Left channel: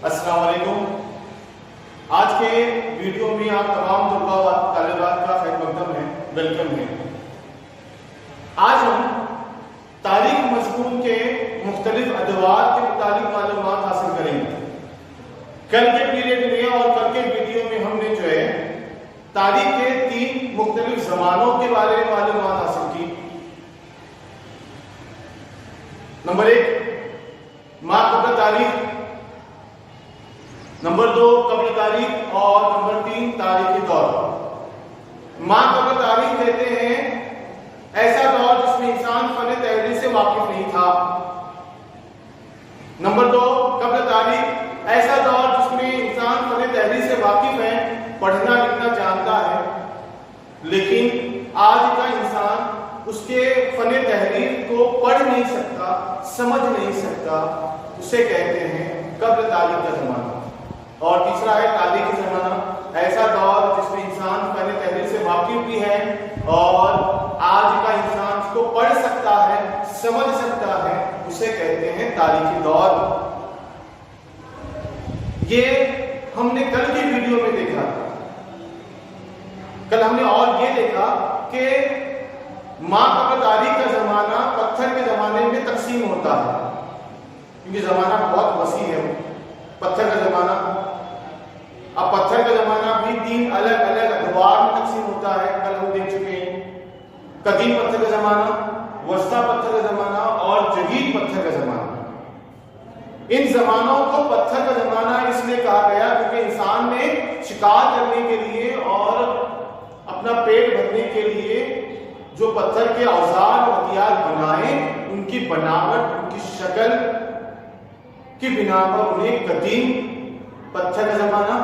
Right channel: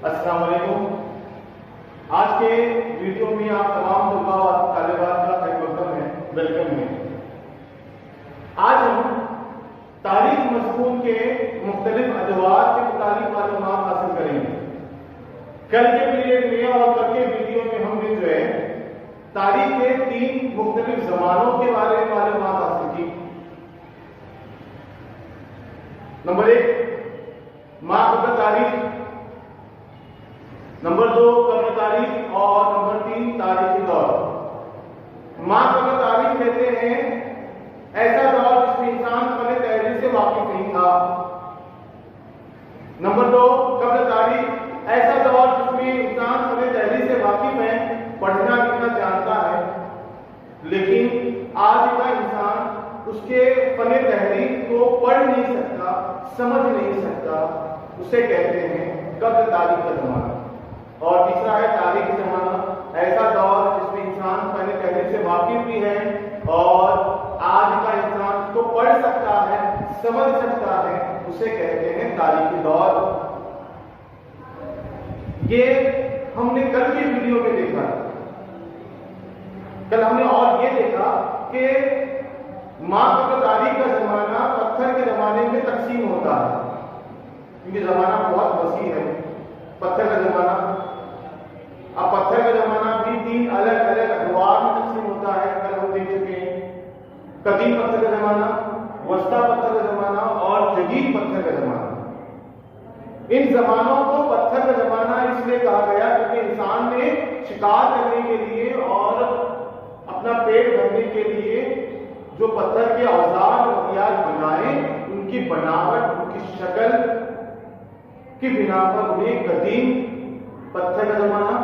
السلام علیکم. آج کے ویڈیو میں آپ تمام طلباء و طالبات کا خیر مقدم ہے، ویلکم ہے. آج ہم تاریخ مضمون کے مختلف ادوار کے متعلق معلومات حاصل کریں گے. کل کے پیریڈ میں اور کل کے ویڈیو میں ہم نے جو ہے تاریخ کے 3 مختلف زمانوں کے بارے میں معلومات حاصل کی. نمبر 1 ما قبل تاریخ، نمبر 2 قبل تاریخ اور نمبر 3 تاریخی دور. ما قبل تاریخ کہتے ہیں ایسا دور جس میں انسان فن تحریر سے واقف نہیں تھا. نمبر 2 قبل تاریخ ایسا دور جس میں انسان فن تحریر سے واقف ہے، پڑھنا لکھنا جانتا ہے، لیکن آج کا انسان اس کے فن تحریر کو پڑھ نہیں سکتا، سمجھ نہیں سکتا. اسے کہتے ہیں قبل تاریخ کا زمانہ. اور تیسرا ہے تاریخی زمانہ، ایسا دور جس میں انسان فن تحریر سے واقف بھی ہے اور آج کا انسان اس کو پڑھ سکتا ہے، سمجھ سکتا ہے. اسے کہتے ہیں تاریخی دور. یہ ہم نے کل کی ویڈیو میں دیکھا. کل ہم نے اور یہ دیکھا کہ ما قبل تاریخ کا زمانہ پتھر کے زمانے میں تقسیم ہوتا ہے، کیونکہ زمانہ بہت وسیع ہے. پتھر کا زمانہ، اب پتھر کا زمانہ بھی 3 الگ الگ ادوار میں تقسیم ہوتا ہے. کل ہم دیکھ چکے ہیں قدیم پتھر کا زمانہ، وسطی پتھر کا زمانہ اور جدید پتھر کا زمانہ. ان زمانوں کو پتھر کا زمانہ اس لیے کہا گیا کیونکہ انسان نے شکار کرنے کے لیے اور اپنا پیٹ بھرنے کے لیے جو پتھر کے اوزار اور ہتھیار بنائے، ان کی بناوٹ، ان کی شکل کی بنا پر انہیں قدیم پتھر کا زمانہ،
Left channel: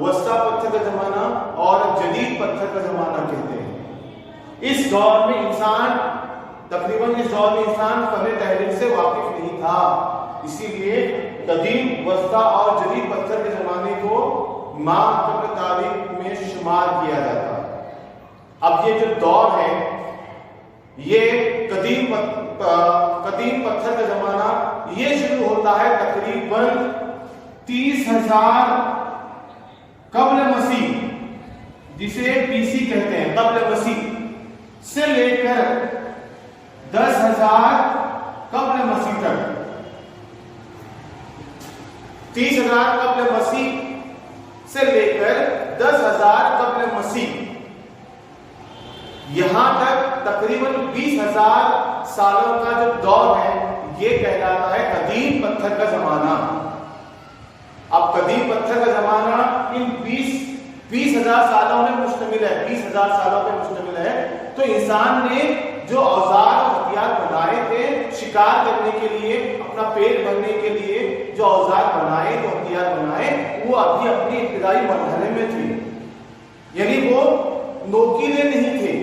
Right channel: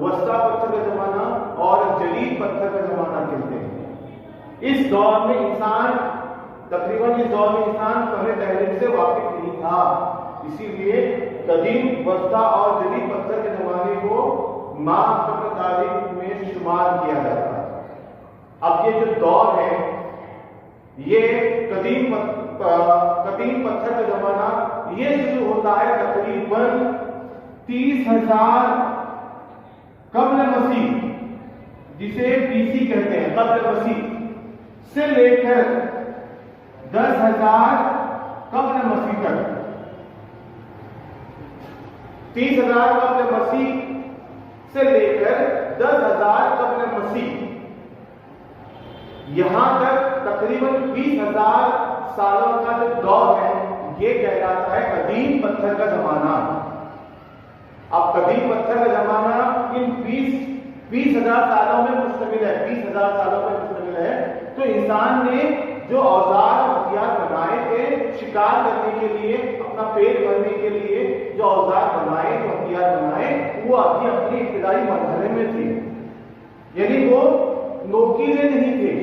وسطی پتھر کا زمانہ اور جدید پتھر کا زمانہ کہتے ہیں. اس دور میں انسان تقریباً فن تحریر سے واقف نہیں تھا، اسی لیے قدیم، وسطی اور جدید پتھر کے زمانے کو ما قبل تاریخ میں شمار کیا جاتا ہے. اب یہ جو دور ہے، یہ قدیم پتھر کا زمانہ یہ شروع ہوتا ہے تقریباً 30,000 قبل مسیح، جسے BC کہتے ہیں، قبل مسیح سے لے کر 10,000 قبل مسیح تک. 30,000 قبل مسیح سے لے کر 10,000 قبل مسیح، یہاں تک تقریباً 20,000 سالوں کا جو دور ہے یہ کہلاتا ہے قدیم پتھر کا زمانہ. اب قدیم پتھر کا زمانہ ان 20,000 سالوں میں مشتمل ہے، 20,000 سالوں پر مشتمل ہے. تو انسان نے جو اوزار ہتھیار بنائے تھے شکار کرنے کے لیے، اپنا پیٹ بھرنے کے لیے جو اوزار بنائے، جو ہتھیار بنائے، وہ ابھی اپنی ابتدائی مرحلے میں تھے. یعنی وہ نوکیلے نہیں تھے،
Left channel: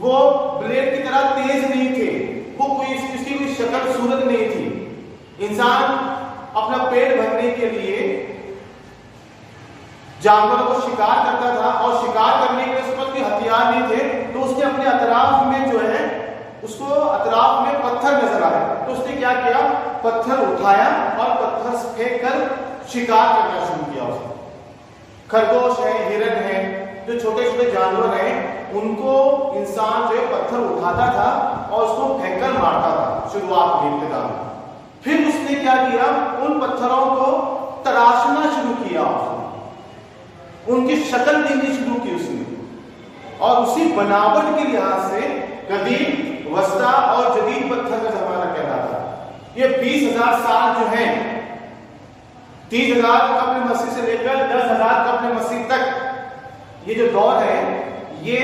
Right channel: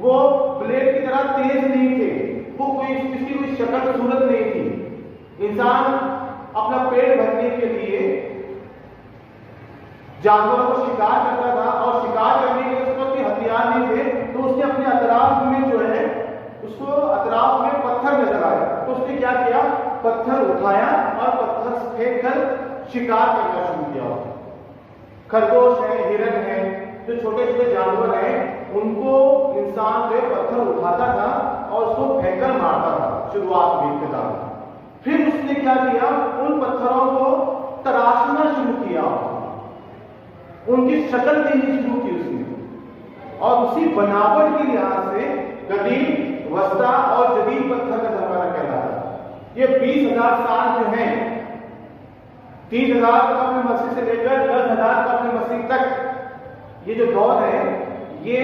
وہ بلیڈ کی طرح تیز نہیں تھے، وہ اس کی کوئی شکل صورت نہیں تھی. انسان اپنا پیٹ بھرنے کے لیے جانوروں کو شکار کرتا تھا اور شکار کرنے کے اس پر بھی ہتھیار نہیں تھے، تو اس نے اپنے اطراف میں جو ہے اس کو اطراف میں پتھر نظر آیا، تو اس نے کیا کیا، پتھر اٹھایا اور پتھر پھینک کر شکار کرنا شروع کیا. خرگوش ہے، ہرن ہے، جو چھوٹے چھوٹے جانور ہیں، ان کو انسان جو ہے پتھر اٹھاتا تھا اور اس کو پھینک کر مارتا تھا شروعات میں ابتدا. پھر اس نے کیا کیا، ان پتھروں کو تراشنا شروع کیا، ان کی شکل دینی شروع کی اس نے، اور اسی بناوٹ کے لحاظ سے قدیم، وسطی اور جدید پتھر کا زمانہ کہلاتا ہے. یہ 20,000 سال جو ہیں، 30,000 قبل مسیح سے لے کر 10,000 قبل مسیح تک، یہ جو دور ہے، یہ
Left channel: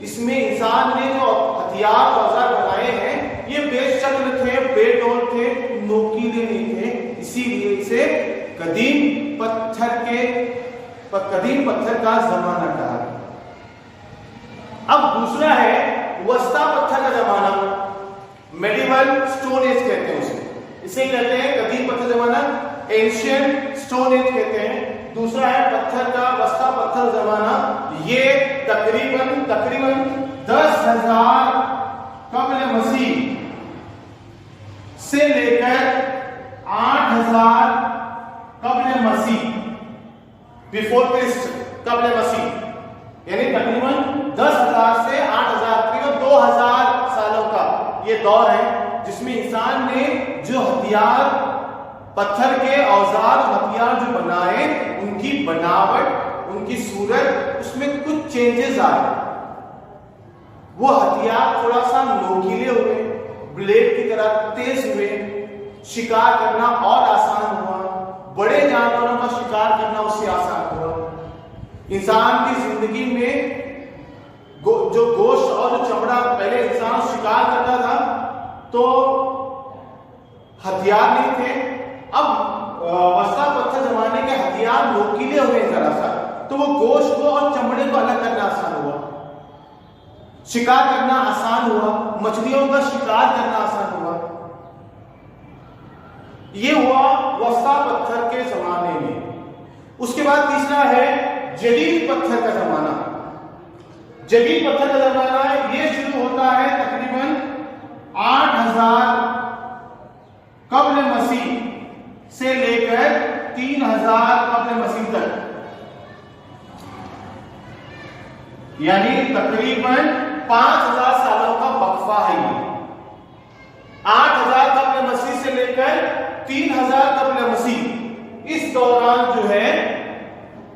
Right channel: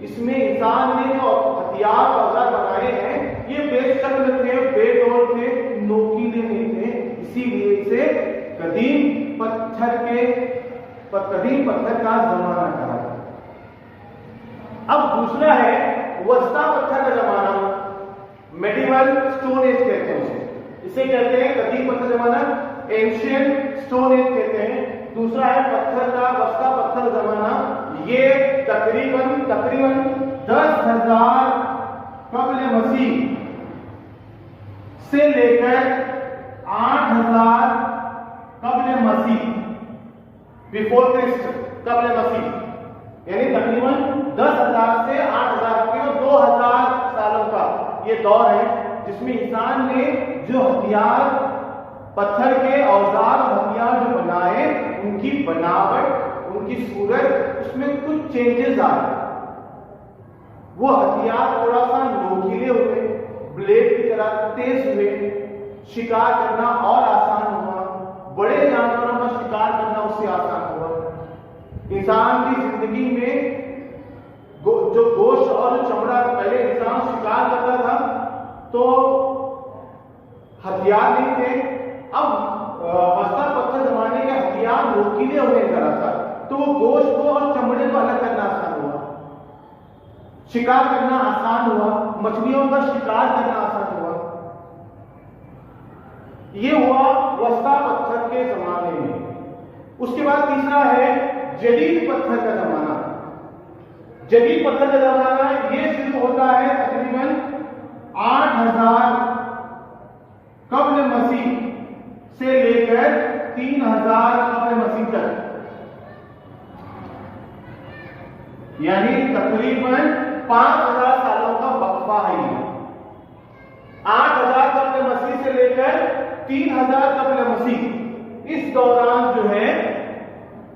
اس میں انسان نے جو ہتھیار اوزار بنائے ہیں یہ بے شکل تھے، بے ڈور تھے، نوکیلے نہیں تھے. اسی لیے اسے قدیم پتھر کا زمانہ کہا. اب دوسرا ہے وسطی پتھر کا زمانہ، میڈیول سٹون ایج کہتے ہیں اسے کہتے ہیں قدیم پتھر زمانہ، اینشینٹ سٹون ایج کہتے ہیں. دوسرا ہے پتھر کا وسطی پتھر زمانہ، یہ تقریباً 10,000 قبل مسیح سے لے کر 8,000 बिफोर क्रिस्ट, कब्ल मसीह, यानी तकरीबन 10,000 से 8,000 करीब 2,000 सालों का ये दौर है जिसमें इंसान ने जो हथियार, पत्थर के औजार और हथियार जो बनाए, उनकी बनावट, उनकी सूरत, उसमें कुछ चेंजेस आए। वो हथियार थोड़ा सा नोकीले हुए, ब्लेड की तरह तेज हुए, शिकार करना और आसान हुआ, बड़े जानवरों का शिकार करना उससे आसान हुआ। इंसान की जिंदगी में जो गोश्त और जो चमड़ा, पहले इंसान शिकार करता था तो हथियार नहीं थे, अब वस्ता पत्थर जमाने के हथियार नोकीले हुए जरा सा, तो वो गोश्त को और चमड़े को अलग करना आसान हुआ, शिकार करना आसान हुआ, मछलियों का शिकार करना आसान हुआ। ये हुआ वस्ता पत्थर के जमाने में। उसके बाद तीसरा है जदीद पत्थर का जमाना। जदीद पत्थर का जमाना ये शुरू होता है तकरीबन 8,000 कब्ल मसीह से लेकर 3,000 कब्ल मसीह तक, यानी तकरीबन 5,000 सालों का वक्फा है ये। 8,000 कब्ल मसीह से लेकर 3,000 कब्ल मसीह, इस दौरान जो है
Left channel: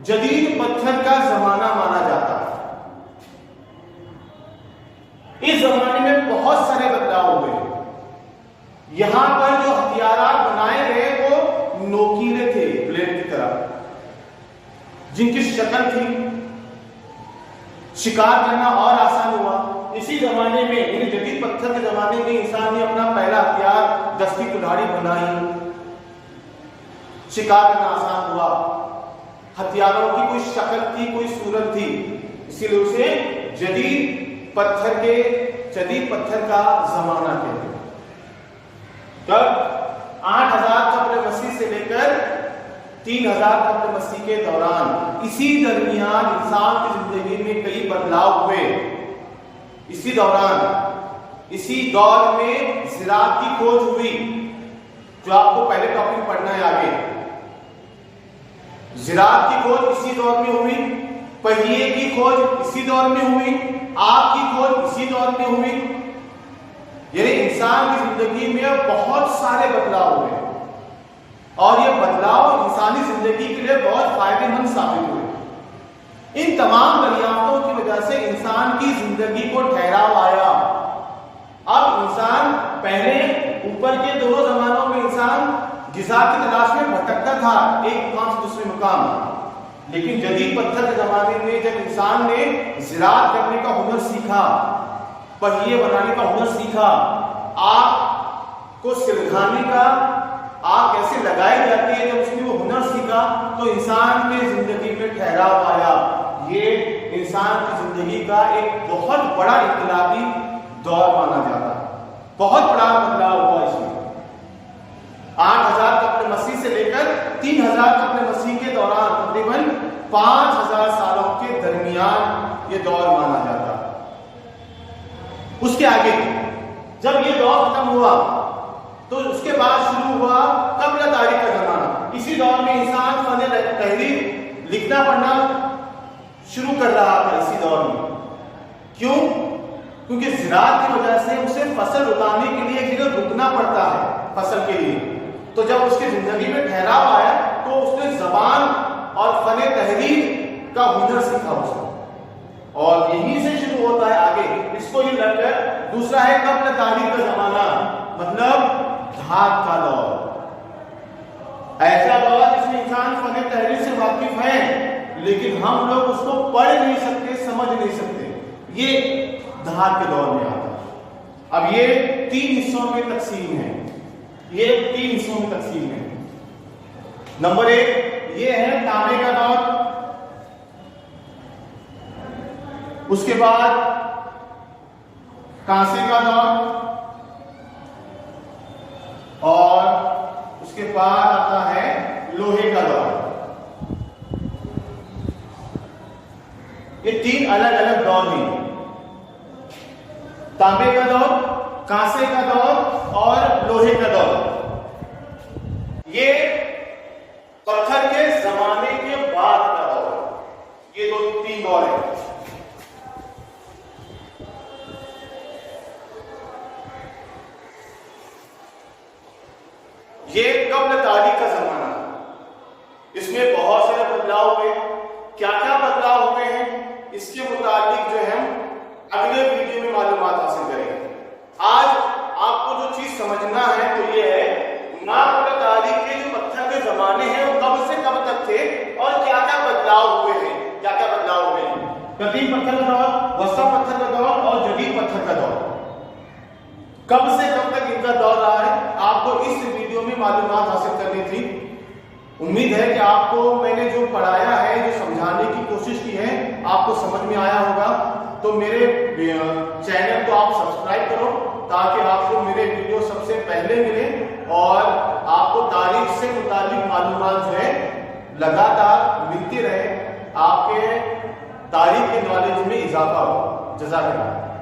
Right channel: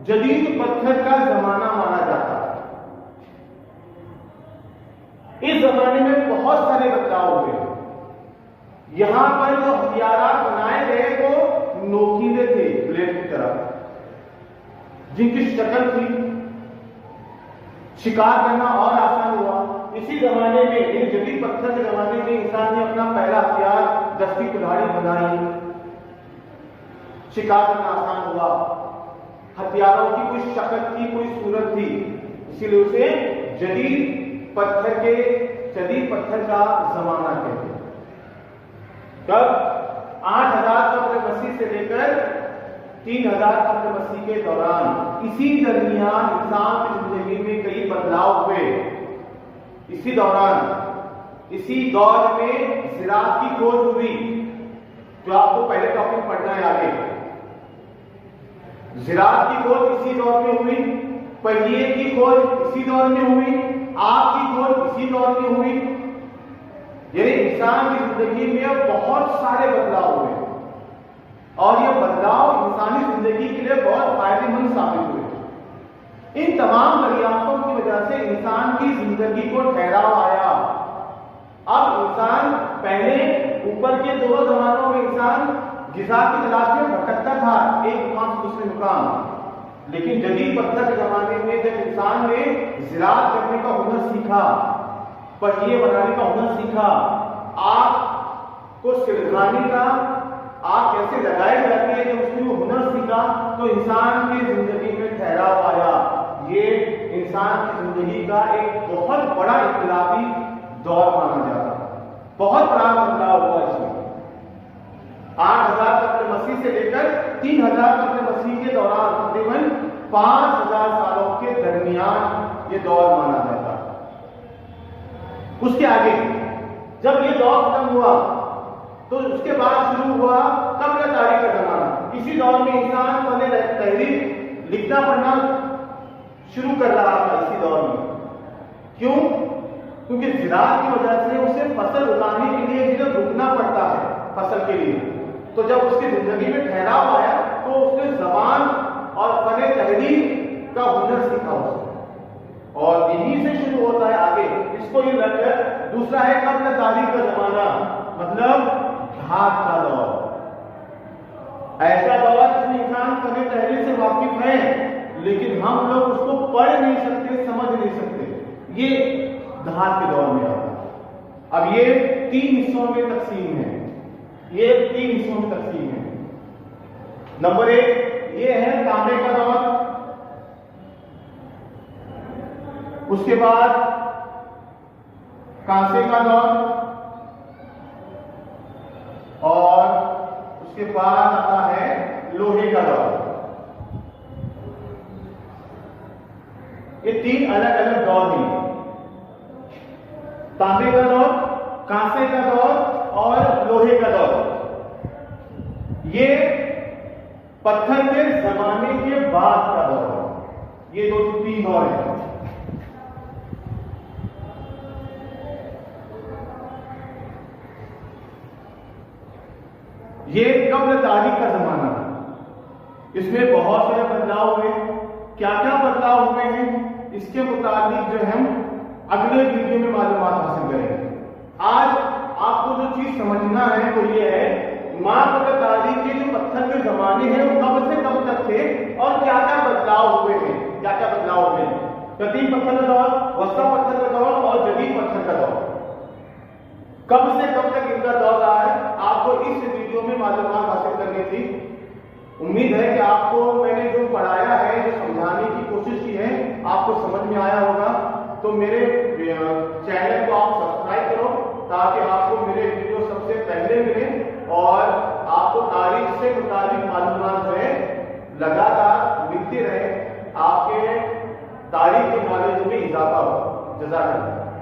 जदीद पत्थर का जमाना माना जाता है। इस जमाने में बहुत सारे बदलाव हुए। यहां पर जो हथियार बनाए गए वो नोकीले थे, ब्लेड की तरह, जिनकी शक्ल थी, शिकार करना और आसान हुआ। इसी जमाने में, यानी जदीद पत्थर के जमाने में, इंसान ने अपना पहला हथियार दस्ती कुल्हाड़ी बनाई, शिकार करना आसान हुआ। हथियारों की कोई शक्ल थी, कोई सूरत थी, इसीलिए उसे जदीद पत्थर का जमाना कहते हैं। कब? 8,000 कब्ल मसीह से लेकर 3,000 कब्ल मसीह के दौरान। इसी दरमियान इंसान की जिंदगी में कई बदलाव हुए। इसी दौर में ज़िराअत की खोज हुई, जो आपको पहले टॉपिक पढ़ना है आगे। ज़िराअत की खोज इसी दौर में हुई, पहिए की खोज इसी दौर में हुई, आग की खोज इसी दौर में हुई। यानी इंसान की जिंदगी में बहुत सारे बदलाव हुए और ये बदलाव इंसानी जिंदगी के लिए बहुत फायदेमंद साबित हुए। इन तमाम दरियाफ्तों की वजह से इंसान की जिंदगी को ठहराव आया। अब इंसान, पहले ऊपर के दोनों जमानों में इंसान ग़िज़ा की तलाश में भटकता था एक मुकाम से दूसरे मुकाम, लेकिन जदीद पत्थर के जमाने में जब इंसान ने ज़िराअत करने का हुनर सीखा, पहिए बनाने का हुनर सीखा, आग को सिरकाने का, आग कैसे लगाई जाती है, जब उसने वो हुनर सीखा तो इंसान की जिंदगी में ठहराव आया। ये इंसान की जिंदगी का एक बहुत बड़ा इनकलाबी दौर माना जाता है। बहुत बड़ा बदलाव हुआ इसमें। 8,000 कब्ल मसीह से लेकर 3,000 कब्ल मसीह के दौरान तकरीबन 5,000 सालों के दरमियान ये दौर माना जाता है। उसके आगे जब ये दौर खत्म हुआ तो उसके बाद शुरू हुआ कब्ल तारीख का जमाना। इसी दौर में इंसान फन तहरीर, लिखना पढ़ना शुरू कर रहा था। इसी दौर में क्यों? क्योंकि ज़िराअत की वजह से उसे फसल उगाने के लिए एक जगह रुकना पड़ता है फसल के लिए। तो जब उसकी जिंदगी में ठहराव आया तो उसने ज़बान और फन तहरीर का हुनर सीखा उसने, और यहीं से शुरू होता है आगे। इसको ये लगकर दूसरा है कब्ल तारीख का जमाना, मतलब धात का दौर। ऐसा दौर जिसमें इंसान फन तहरीर से वाकिफ है, लेकिन हम लोग उसको पढ़ नहीं सकते, समझ नहीं सकते। ये धात के दौर में आता है। अब ये 3 हिस्सों में तकसीम है। ये 3 हिस्सों में तकसीम है। नंबर 1 ये है तांबे का दौर, उसके बाद कांसे का दौर, और उसके बाद आता है लोहे का दौर। ये 3 अलग अलग दौर हैं। तांबे का दौर, कांसे का दौर और लोहे का दौर। ये पत्थर के जमाने के बाद का दौर, ये दो तीन दौर है। ये कब्ल तारीख का जमाना, इसमें बहुत सारे बदलाव हुए। क्या क्या बदलाव हुए हैं इसके मुताबिक जो है हम अगले वीडियो में मालूमात हासिल करेंगे। आज आपको जो चीज समझना है वो ये है, माँ कब्ल तारीख के जो पत्थर के जमाने हैं वो कब से कब तक थे और क्या क्या बदलाव हुए हैं, क्या क्या बदलाव हुए हैं। कदीम पत्थर का दौर, वस्ता पत्थर का दौर और जदीद पत्थर का दौर, कब से कब तक इनका दौर रहा है, आपको इस वीडियो में मालूमात हासिल करनी थी। उम्मीद है कि आपको मैंने जो पढ़ाया है, जो समझाने की कोशिश की है, आपको समझ में आया होगा। तो मेरे चैनल को आप सब्सक्राइब करो ताकि आपको मेरे वीडियो सबसे पहले मिले और आपको तारीख से मुताबिक मालूमात जो है लगातार मिलती रहे, आपके तारीख के नॉलेज में इजाफा हो। जज़ाकल्लाह।